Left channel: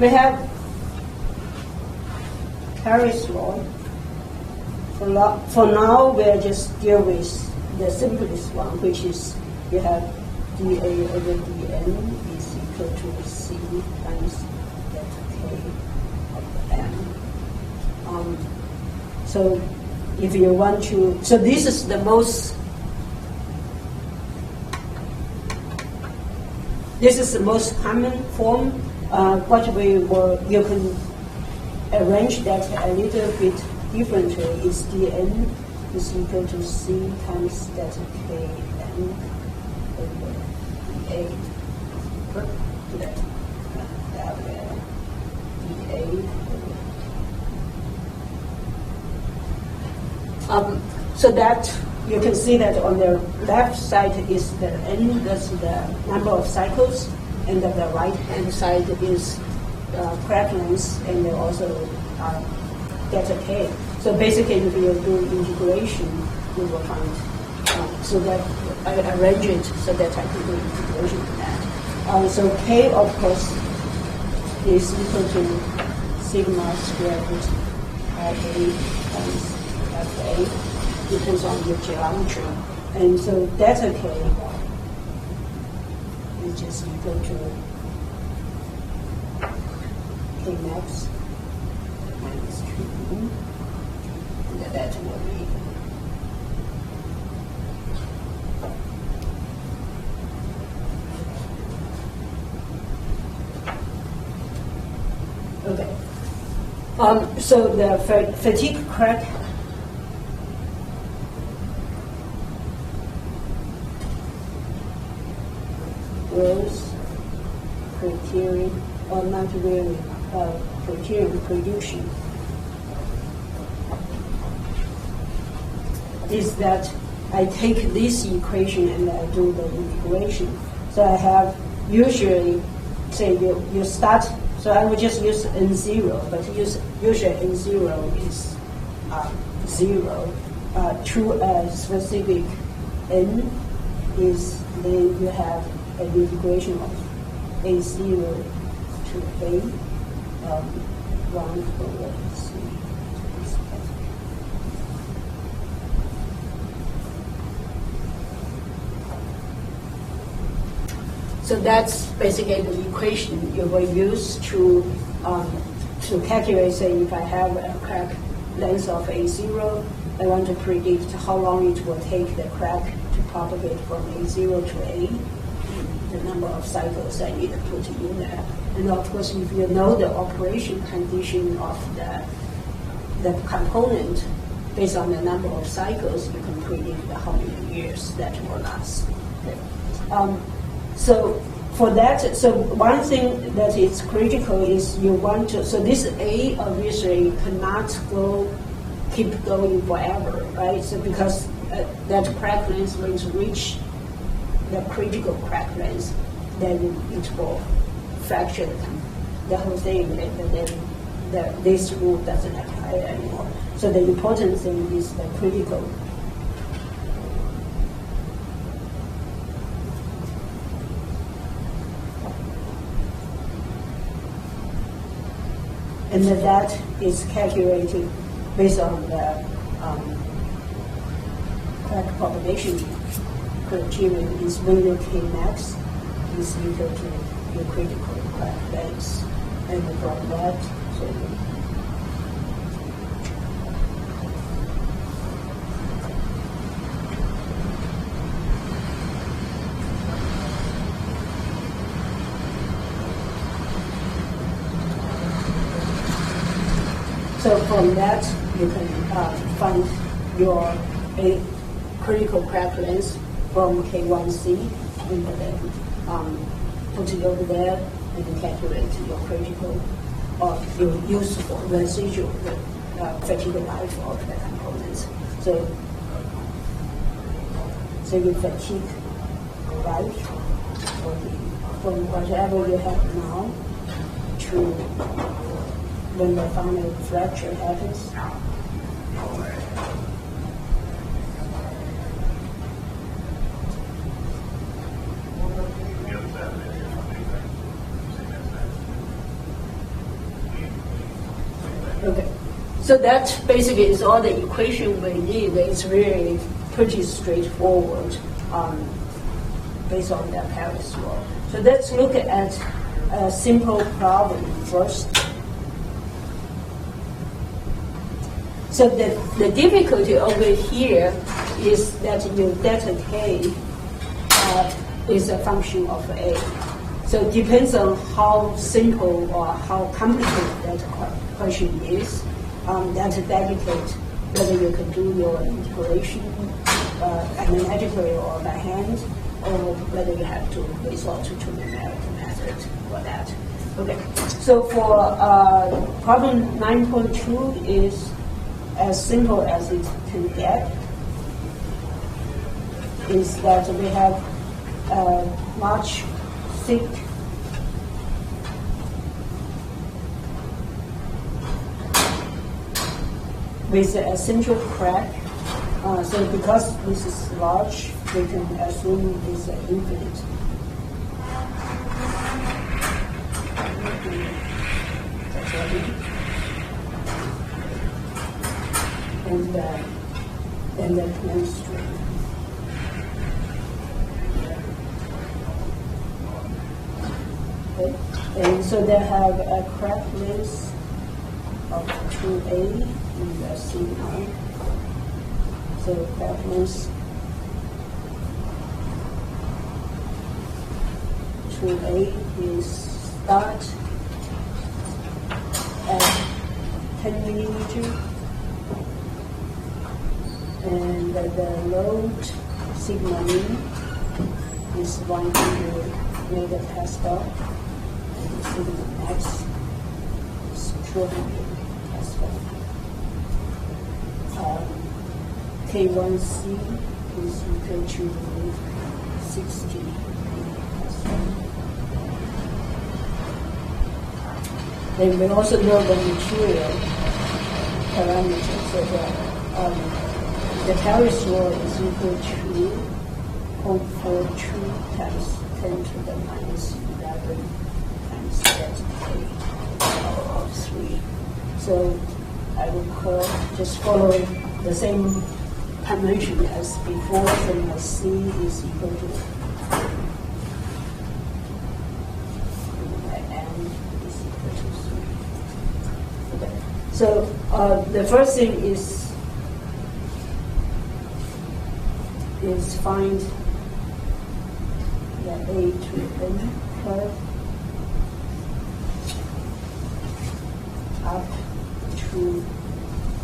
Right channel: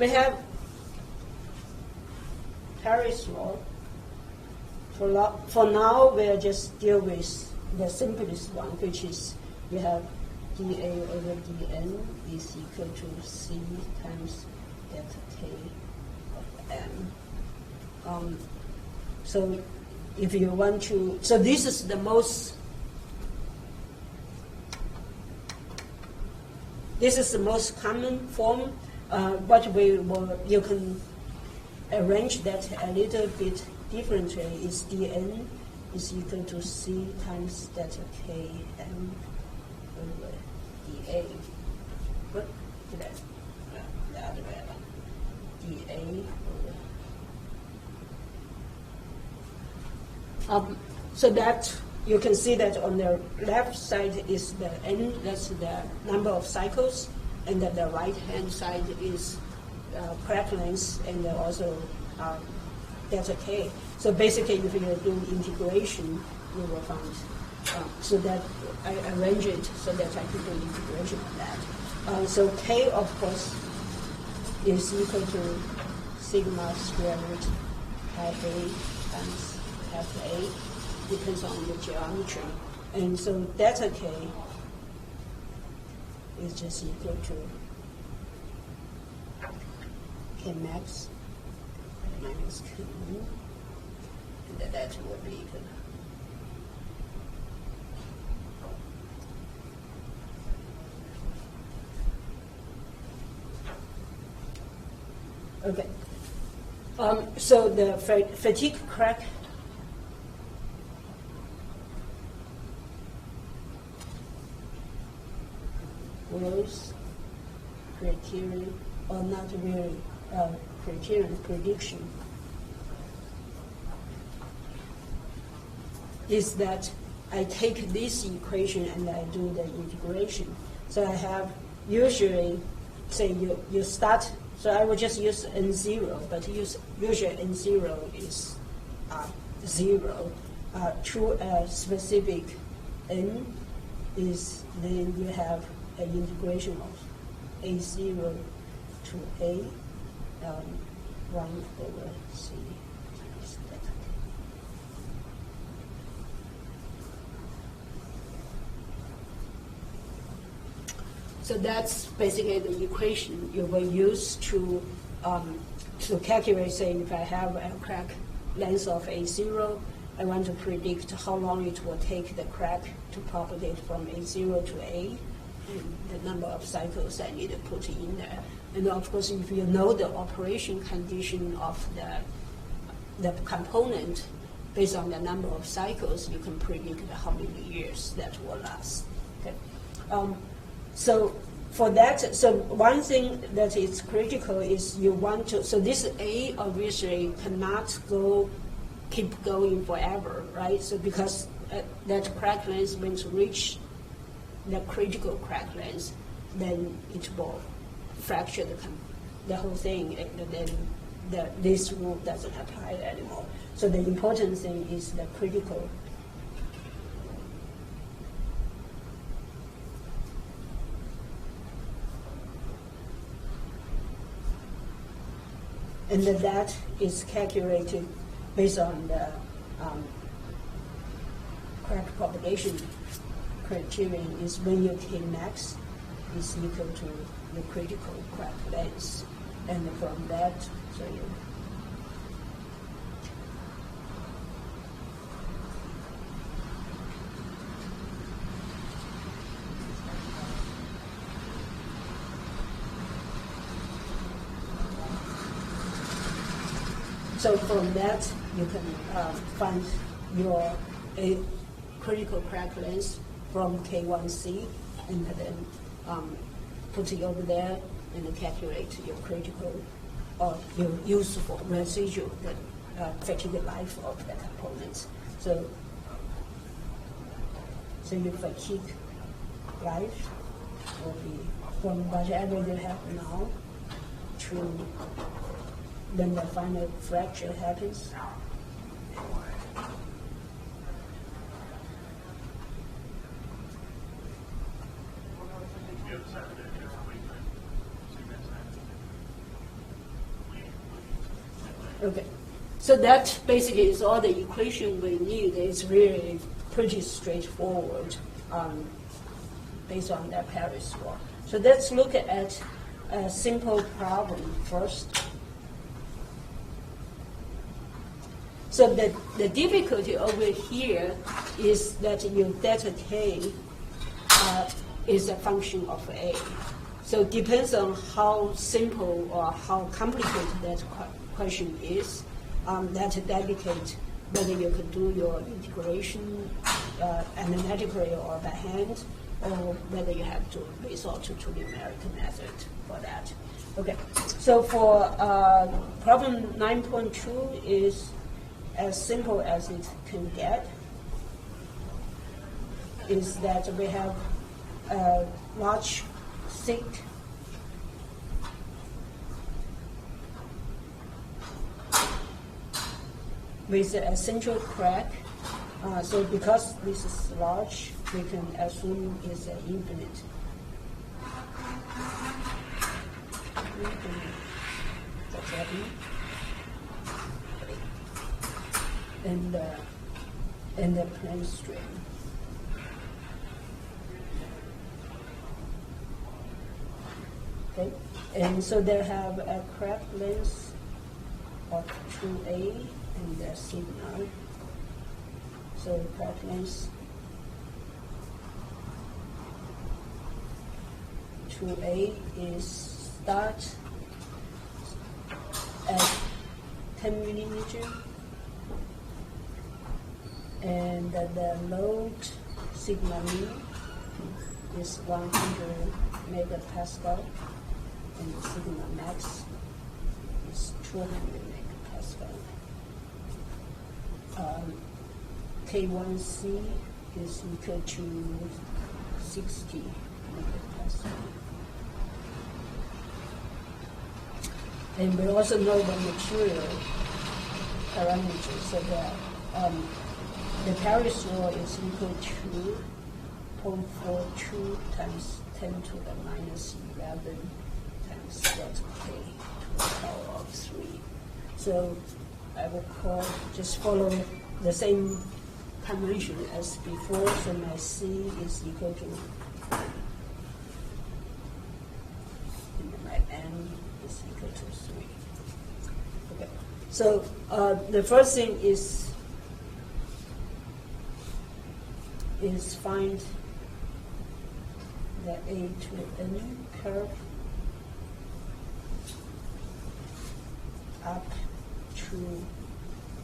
we have Harris law. For now, we'll just deal with the simplest one, which is you have dA over dN is equal to C times delta K of M. So if you want to, so this is the most common form. What you can arrange that a little bit differently is dN is equal to C times delta K M over dA. So that you can see that on the left side is the N, that's the number of cycles, and on the right hand side is crack length, and then also delta K. So basically, if you do integration, you will find. So that I arrange it so that I can do integration of that. So K, of course, is equal to sigma squared IA times FA. Depends on your geometry. And so delta K is just equal to K max minus 2. And that will be okay. So the fatigue crack growth criterion, or not really criterion prediction, is that I take this equation and I do the integration. So I have usually, say you start, so I would just use N0, but usually N0 is 0 to a specific N is, then you have an integration of A0 to A 1 over C. So that's basically the equation you will use to calculate, say, if I have a crack length of A0, I want to predict how long it will take the crack to propagate from A0 to A, the number of cycles I need to put in there. And of course, if you know the operation condition of the component, based on the number of cycles, you can predict how many years that will last. Okay. So for that, so one thing that is critical is you want to, so this A obviously cannot keep going forever, right? So because that crack length is going to reach the critical crack length, then it will fracture the whole thing, and then this rule doesn't apply anymore. So the important thing is the critical. And that is calculated based on the crack propagation criterion is when your Kmax is equal to your critical crack length. And from that, so from that, you can find your critical crack length from K1C, and then put it over there and calculate your critical or your useful residual fatigue life of the components. So your fatigue life from whatever you have now to when the final fracture happens. So that basically is all the equation we need. It's really pretty straightforward based on that Paris law. So let's look at a simple problem first. So the difficulty over here is that your delta K is a function of A. So it depends on how simple or how complicated that question is. That dictates whether you can do your integration analytically or by hand, or whether you have to resort to numeric method for that. Okay, so for problem 9.2 is as simple as it can get. Is that we have a large thick with a central crack. So because this is large, we can assume it's infinite. And the plane strain. Okay. And so they have a crack length of 2A in the C9. So crack length 2A is start at 10 millimeter, and the load sigma mean is 100 megapascal, and the sigma max is 200 pascal. K1C is equal to 60 megapascal. Then we also know the material parameters, so that the Paris law is equal to 0.42 times 10 to the minus 11 times delta K of 3. So I will just follow the same convention as before. So my C is equal to my N is equal to 3. Okay. So the first thing is find the A to N curve up to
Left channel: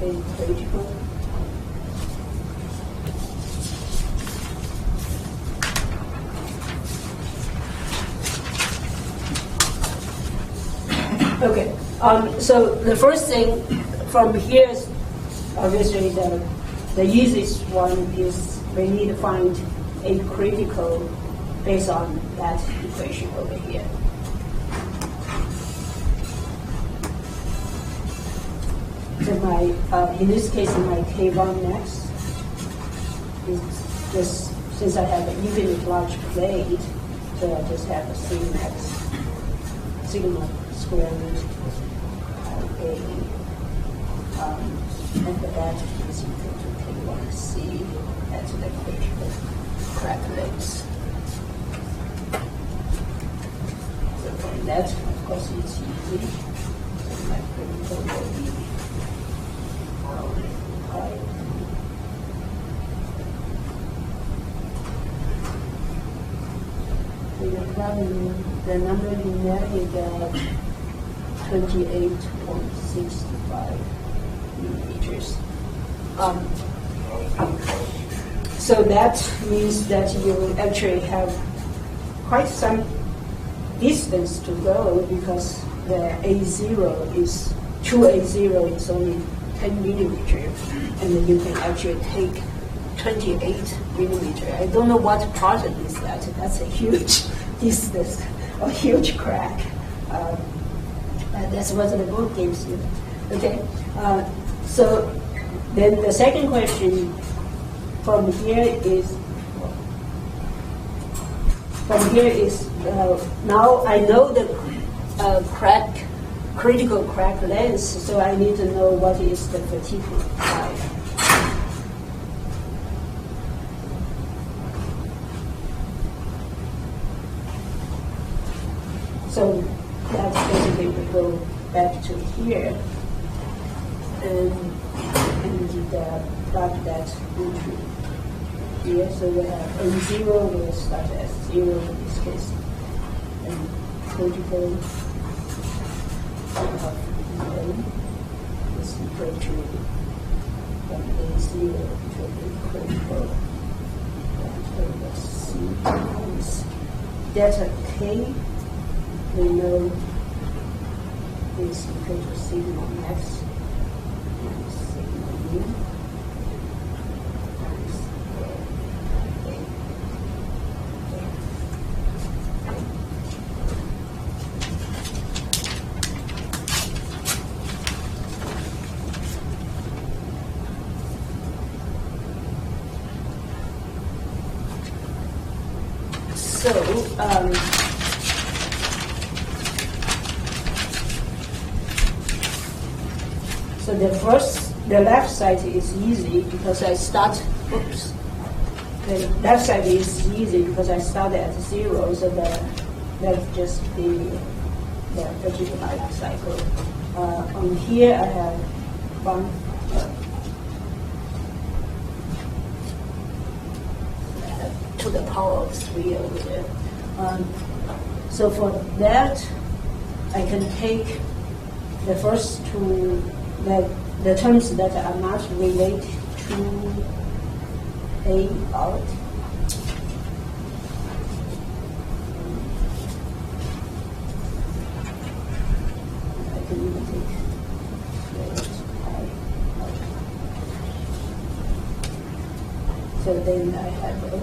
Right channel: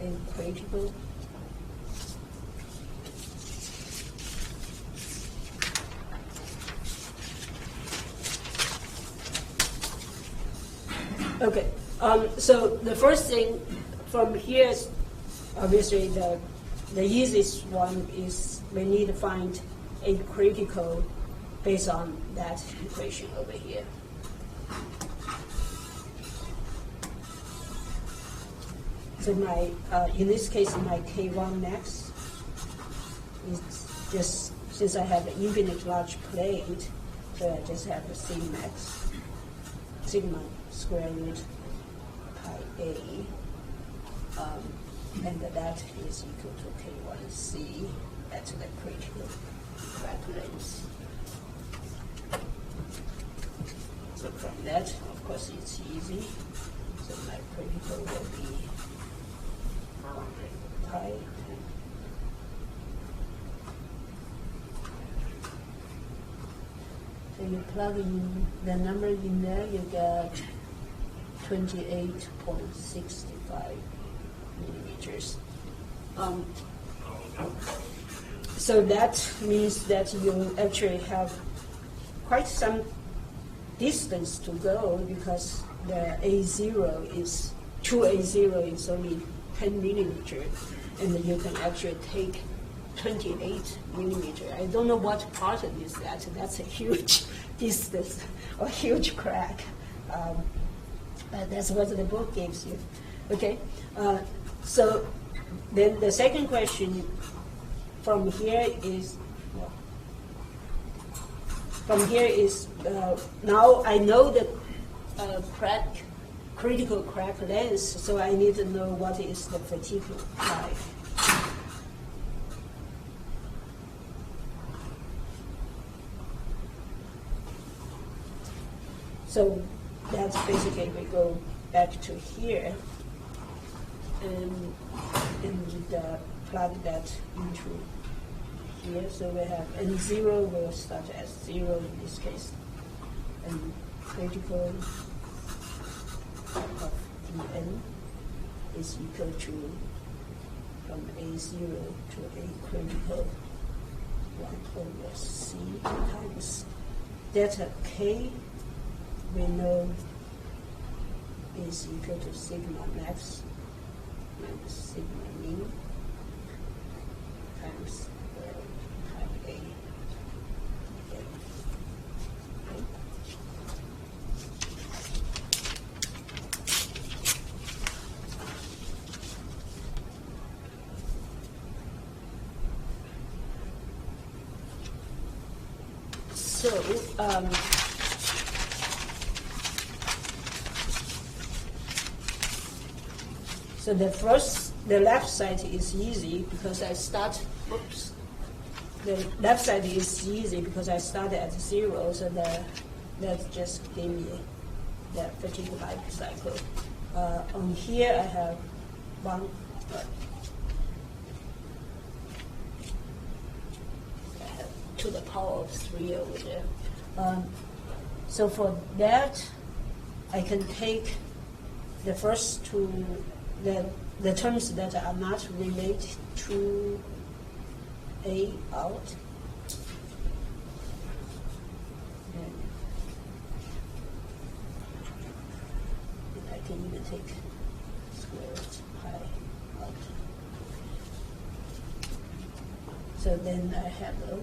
A critical. Okay, so the first thing from here is obviously the easiest one is we need to find a critical based on that equation over here. So my, in this case, my K1 max is just, since I have an infinite large plate, so I just have a C max, sigma square root A, and that is equal to K1C at the critical crack length. So from that, of course, it's easy. So my critical will be pi. So the number in there is 28.65 millimeters. So that means that you actually have quite some distance to go, because the A0 is, 2A0 is only 10 millimeter, and then you can actually take 28 millimeter. I don't know what project is that. That's a huge distance, a huge crack. That's what the book gives you. Okay, so then the second question from here is now I know the crack critical crack length, so I need to know what is the fatigue type. So that's basically we go back to here and plug that into here. So we have N0 will start as 0 in this case, and critical of N is equal to from A0 to the critical and C times delta K. We know is equal to sigma max times sigma mu times A. So the left side is easy because I start, the left side is easy because I start at 0, so that's just the fatigue life cycle. On here I have one, to the power of 3 over there. So for that, I can take the first two, the terms that are not related to A out. I can even take I out. So then I have A 3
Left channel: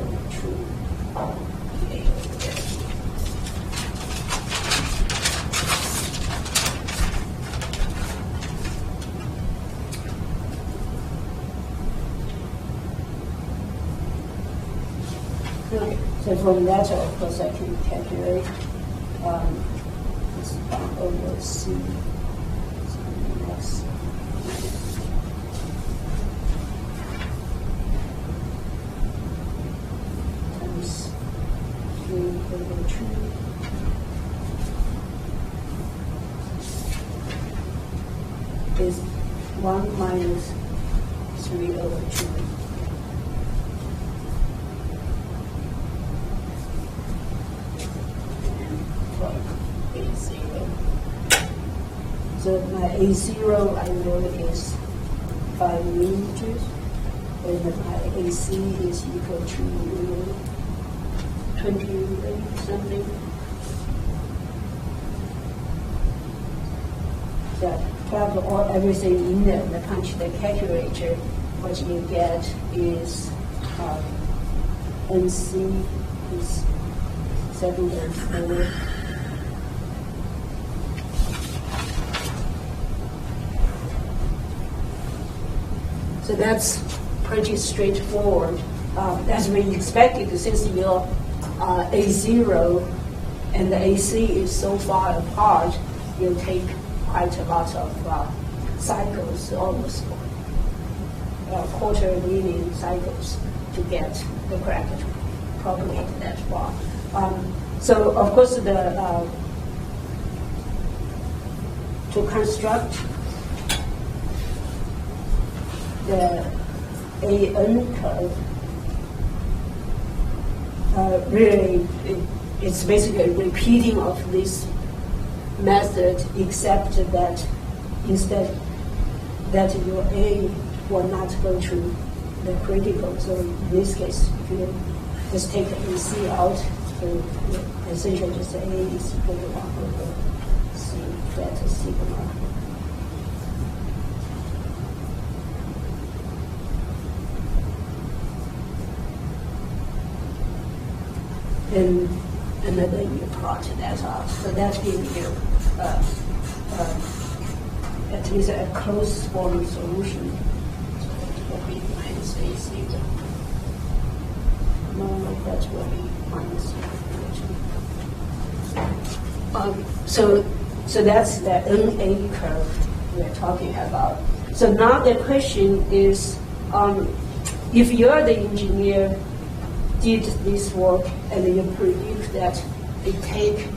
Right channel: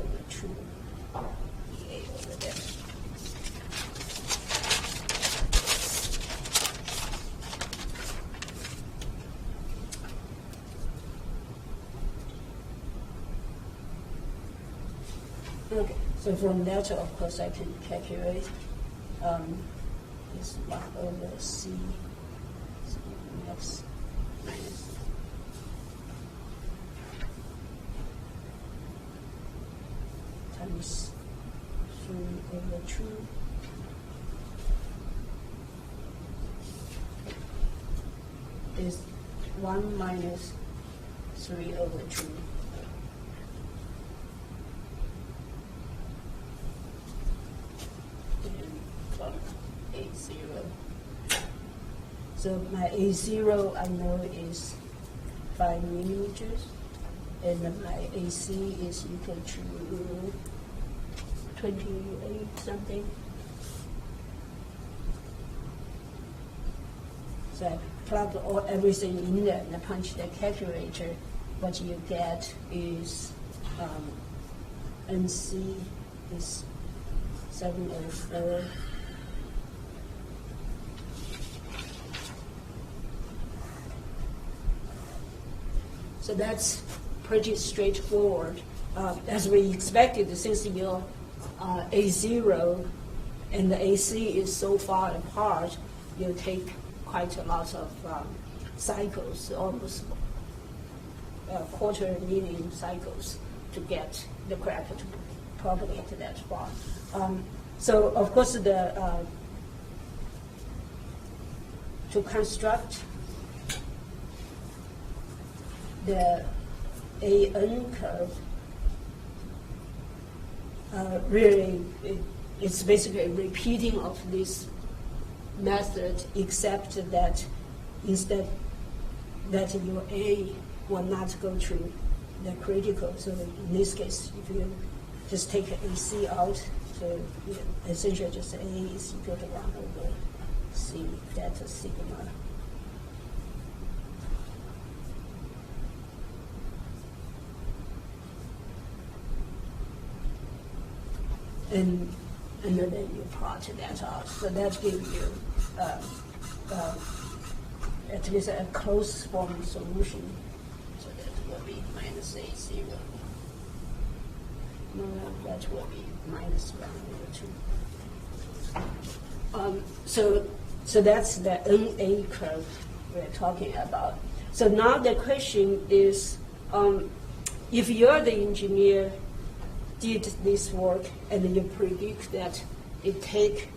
over 2 A over there. Okay. So from that, of course, I can calculate this 1 over C. So next. Times 3 over 2. Is 1 minus 3 over 2. So my A0 I know is 5 millimeters, and my AC is equal to 28 something. So I plug everything in there and punch the calculator. What you get is NC is 7.4. So that's pretty straightforward. As we expected, since your A0 and the AC is so far apart, you'll take quite a lot of cycles, almost quarter million cycles to get the crack to propagate that far. So of course, to construct the AN curve, really it's basically a repeating of this method, except that instead that your A will not go to the critical. So in this case, if you just take AC out, so essentially just A is equal to 1 over C delta sigma. And then you plot that out. So that gives you at least a closed form solution. So that will be minus AC. No, that will be minus 2. So that's the NA curve we're talking about. So now the question is, if you are the engineer, did this work, and you predict that it take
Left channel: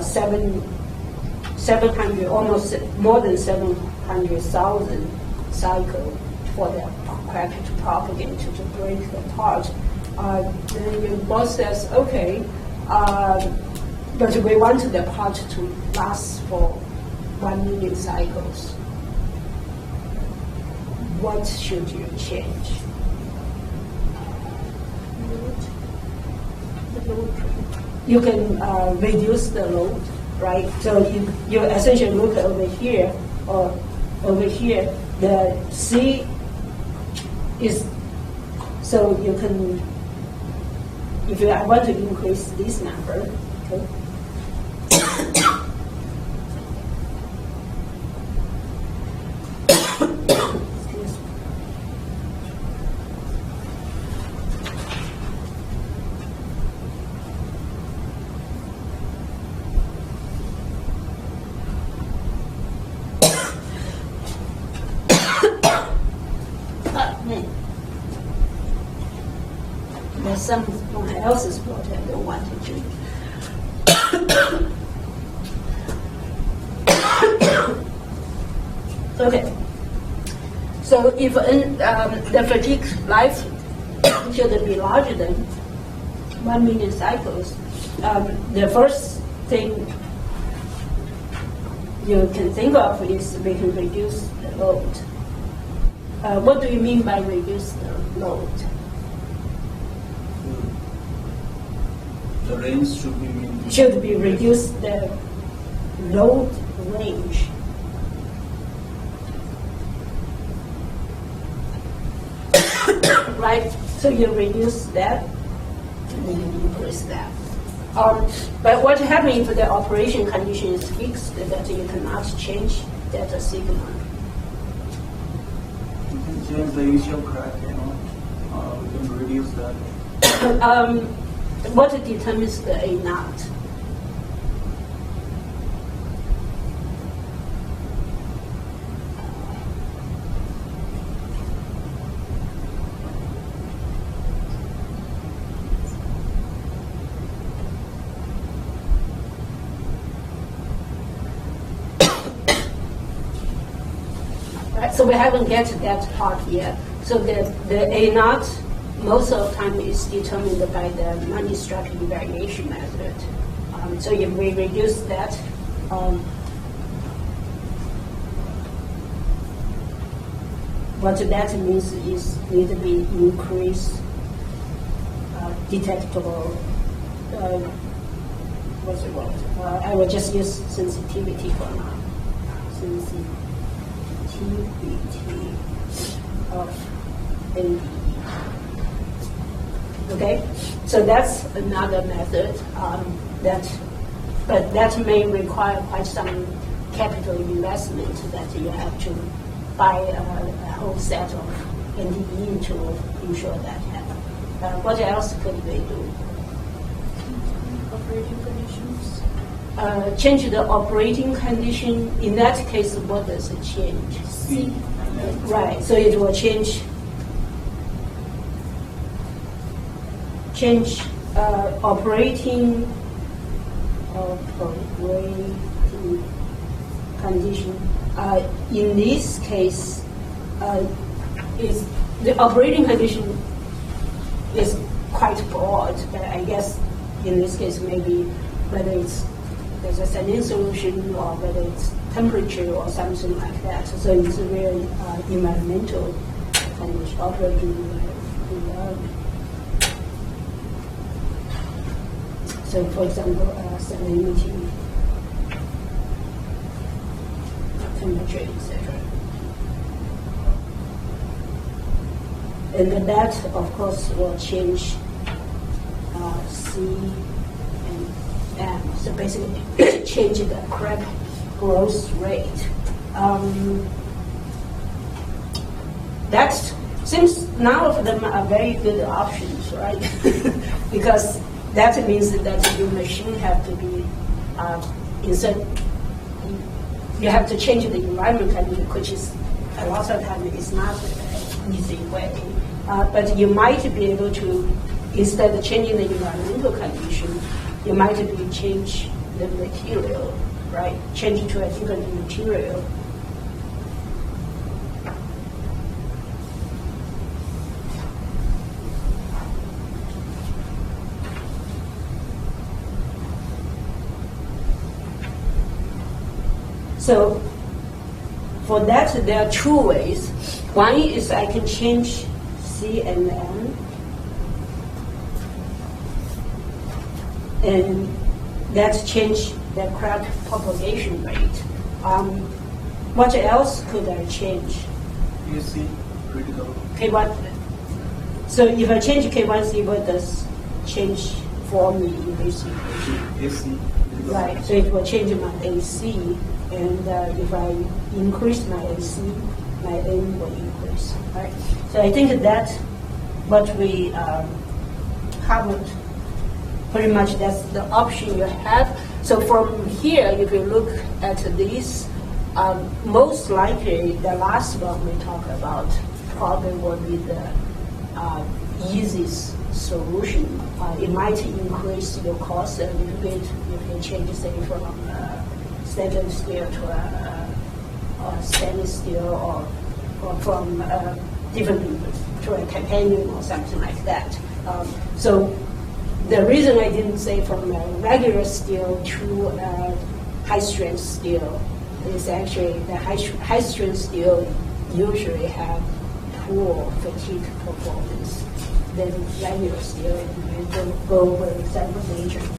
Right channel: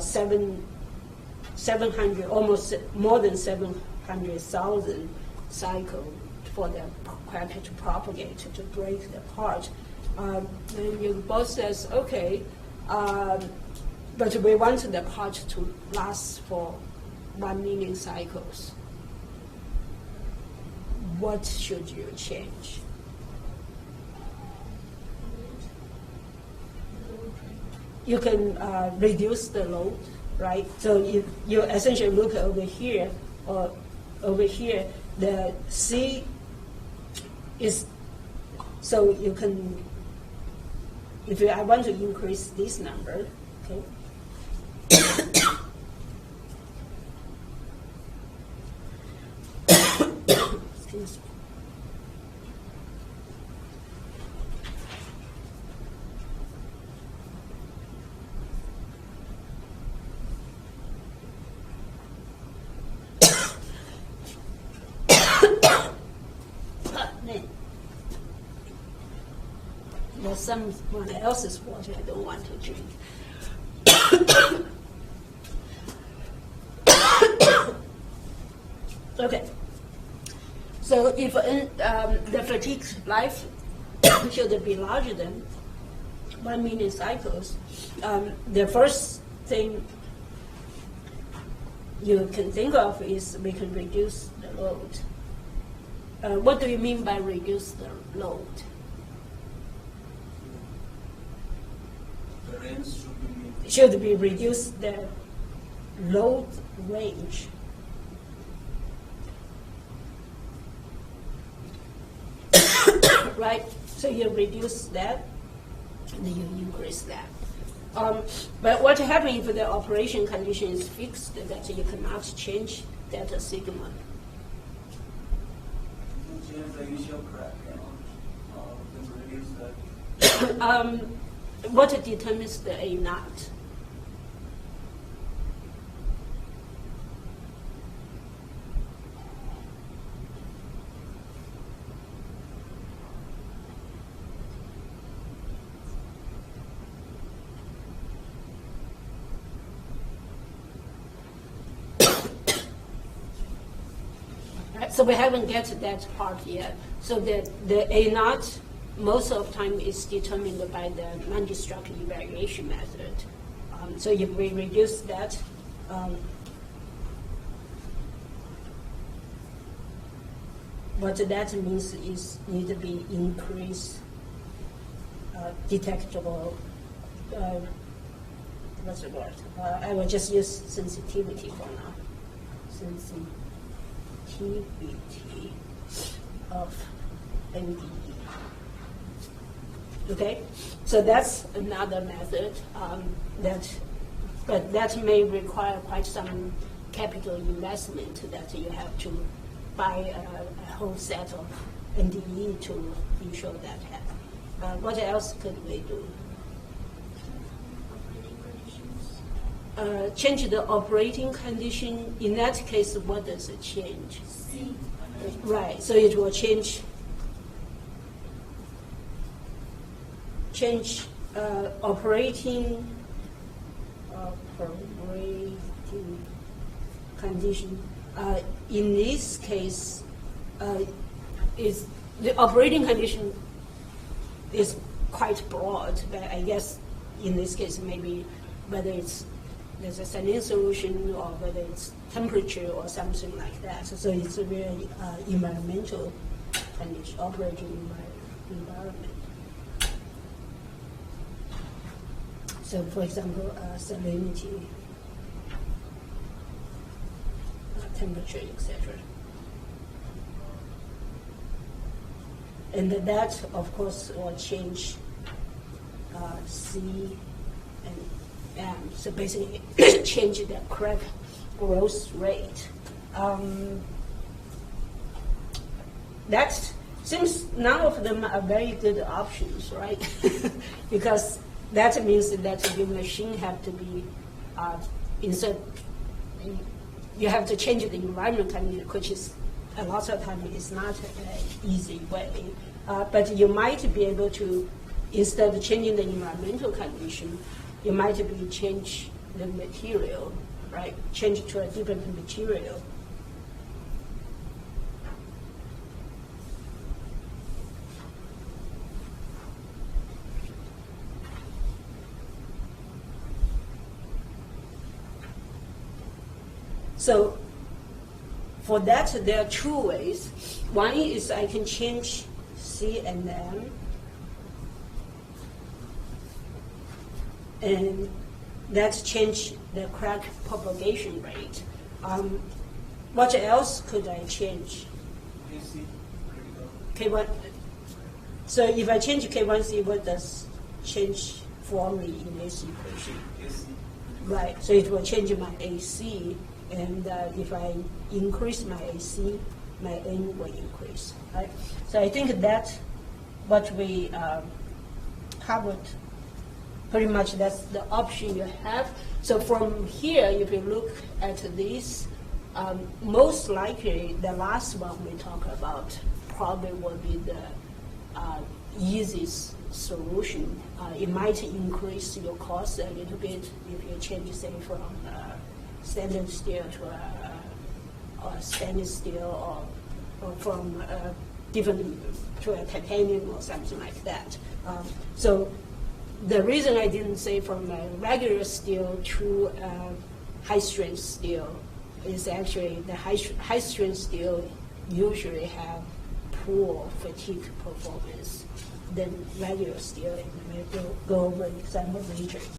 700, almost more than 700,000 cycle for the crack to propagate, to break apart. Then your boss says, okay, but we want the part to last for 1 million cycles. What should you change? You can reduce the load, right? So you essentially look over here or over here. The C is, so you can, if I want to increase this number, okay. There's someone else's water I don't want to drink. Okay. So if the fatigue life should be larger than 1 million cycles, the first thing you can think of is we can reduce the load. What do you mean by reduce the load? The range should be maintained. Should be reduced the load range. Right? So you reduce that, and then you increase that. But what happens if the operation condition is fixed, that you cannot change that sigma? You can change the initial crack, we can reduce that. What determines the A naught? Right, so we haven't get to that part yet. So the A naught most of the time is determined by the non-destructive variation method. So if we reduce that, what that means is need to be increased detectable, what's the word? I will just use sensitivity for now. Sensitivity of NDE. Okay, so that's another method but that may require quite some capital investment that you have to buy a whole set of NDE to ensure that happens. What else could we do? Operating conditions. Change the operating condition. In that case, what does it change? C. Right, so it will change operating condition. In this case, is the operating condition is quite broad, but I guess in this case maybe whether there's a saline solution or whether it's temperature or something like that. So it's a real environmental condition, operating environment. So, for example, salinity, temperature, etc. And then that, of course, will change C and M. So basically, change the crack growth rate. That seems none of them are very good options, right? Because that means that your machine have to be instead you have to change the environment condition, which is a lot of time is not an easy way. But you might be able to, instead of changing the environmental condition, you might be change the material, right? Change it to a different material. So for that, there are two ways. One is I can change C and M, and that change the crack propagation rate. What else could I change? AC, critical. K1. So if I change K1C, what does change for me in this equation? AC. critical. Right, so it will change my AC, and if I increase my AC, my M will increase, right? So I think that's what we covered. Pretty much that's the option you have. So from here, if you look at this, most likely the last one we talked about probably will be the easiest solution. It might increase your cost a little bit if you change, say, from stainless steel to a stainless steel, or from different to a titanium or something like that. So the reason I didn't say from a regular steel to high-strength steel is actually the high-strength steel usually have poor fatigue performance than regular steel. It may go over some major